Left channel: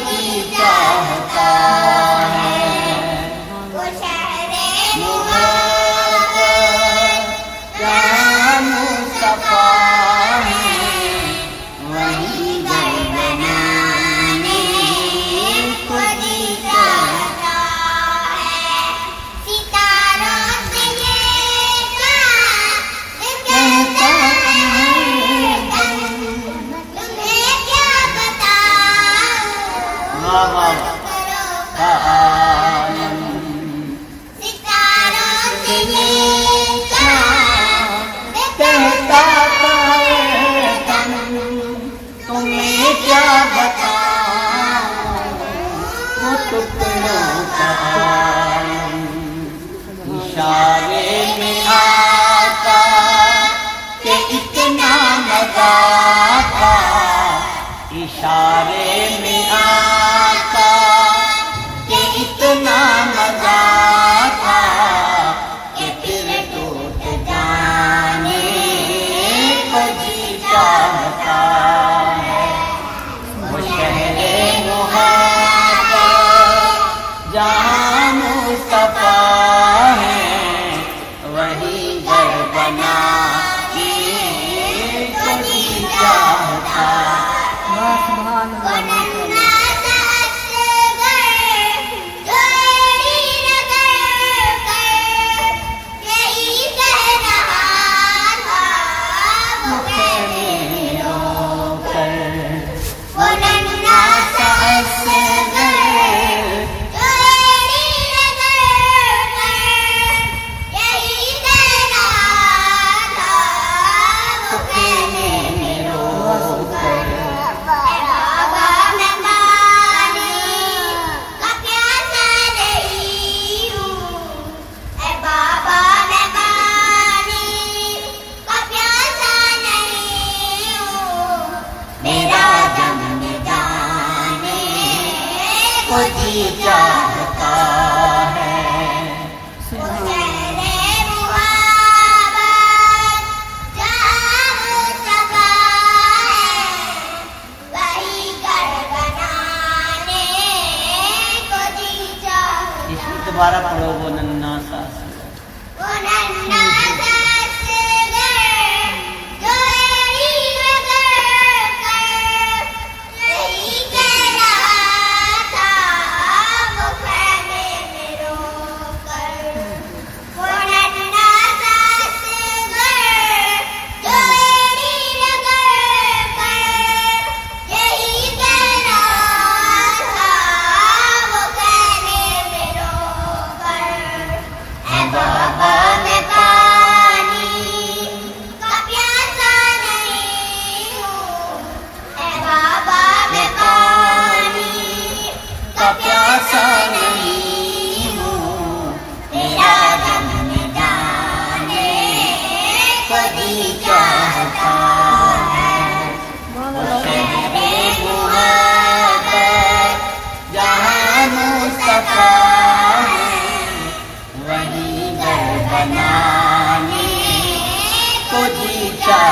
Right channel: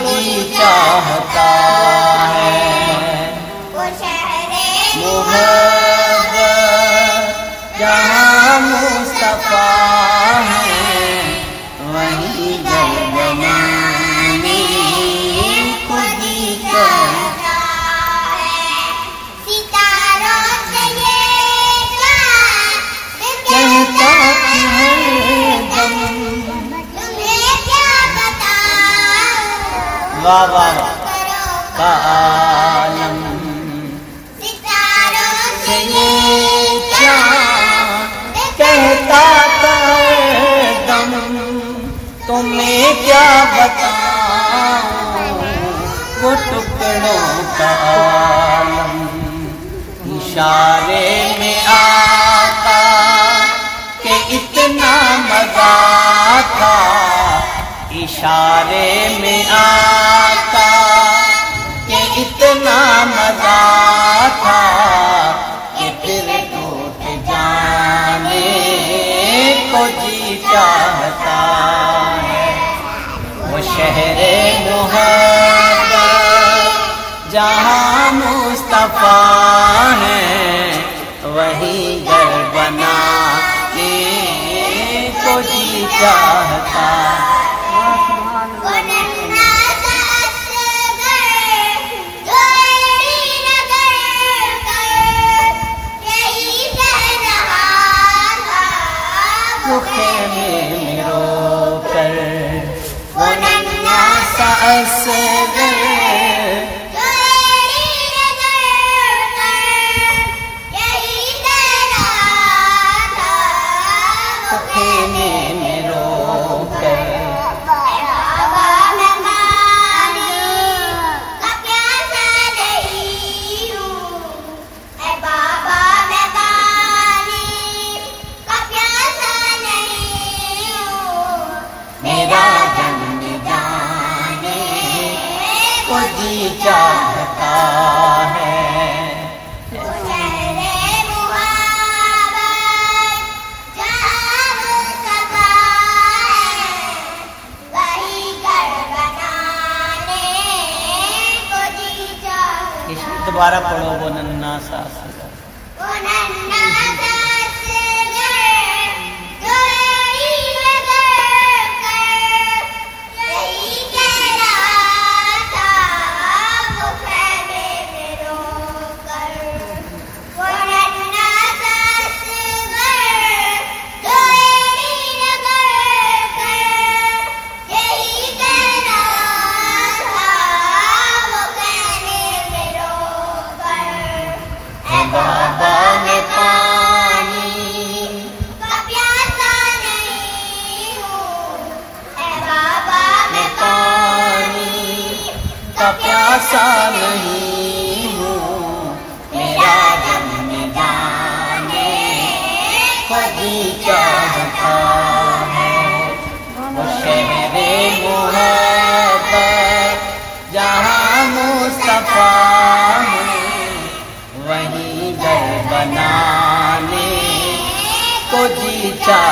जी चाहता है। वो शहरे मुहब्बत जहाँ मुस्तफा है, वहीं घर बनाने को जी चाहता है। सितारों से ये चाँद कहता है तुम्हें क्या बताऊं, वाह वाह करो आलम। सितारों से ये चाँद कहता है दम, तुम्हें क्या बताऊं, वो टुकड़ों का आलम। इशारे में आता कि इतना मजा था, इशारे में आता कि इतना मजा था, कि फिर टूट जाने को जी चाहता है। वो शहरे मुहब्बत जहाँ मुस्तफा है, वहीं घर बनाने को जी चाहता है। वो नन्हा सा असगर जोड़ी रगड़ कर यही कह रहा था, वो खेमे में रोकर वो नन्हा सा असगर जोड़ी रगड़ कर यही कह रहा था, वो खेमे में रोकर बाबा मैं पानी का प्यासा नहीं हूँ, ऐ बाबा मैं पानी का प्यासा नहीं हूँ, मेरा दम जाने को जी चाहता है। वो शहरे मुहब्बत जहाँ मुस्तफा है, वहीं घर बनाने को जी चाहता। इसमें दोबारा पढ़ो वो नन्हा सा असगर। वो नन्हा सा असगर जोड़ी रगड़ कर यही कह रहा था, वो खेमे में रोकर। वो नन्हा सा असगर जोड़ी रगड़ कर यही कह रहा था, वो खेमे में रोकर। ऐ बाबा मैं पानी का प्यासा नहीं हूँ, ऐ बाबा मैं पानी का प्यासा नहीं हूँ, मेरा दम जाने को जी चाहता है। वो शहरे मुहब्बत जहाँ मुस्तफा है, वहीं घर बनाने को जी चाहता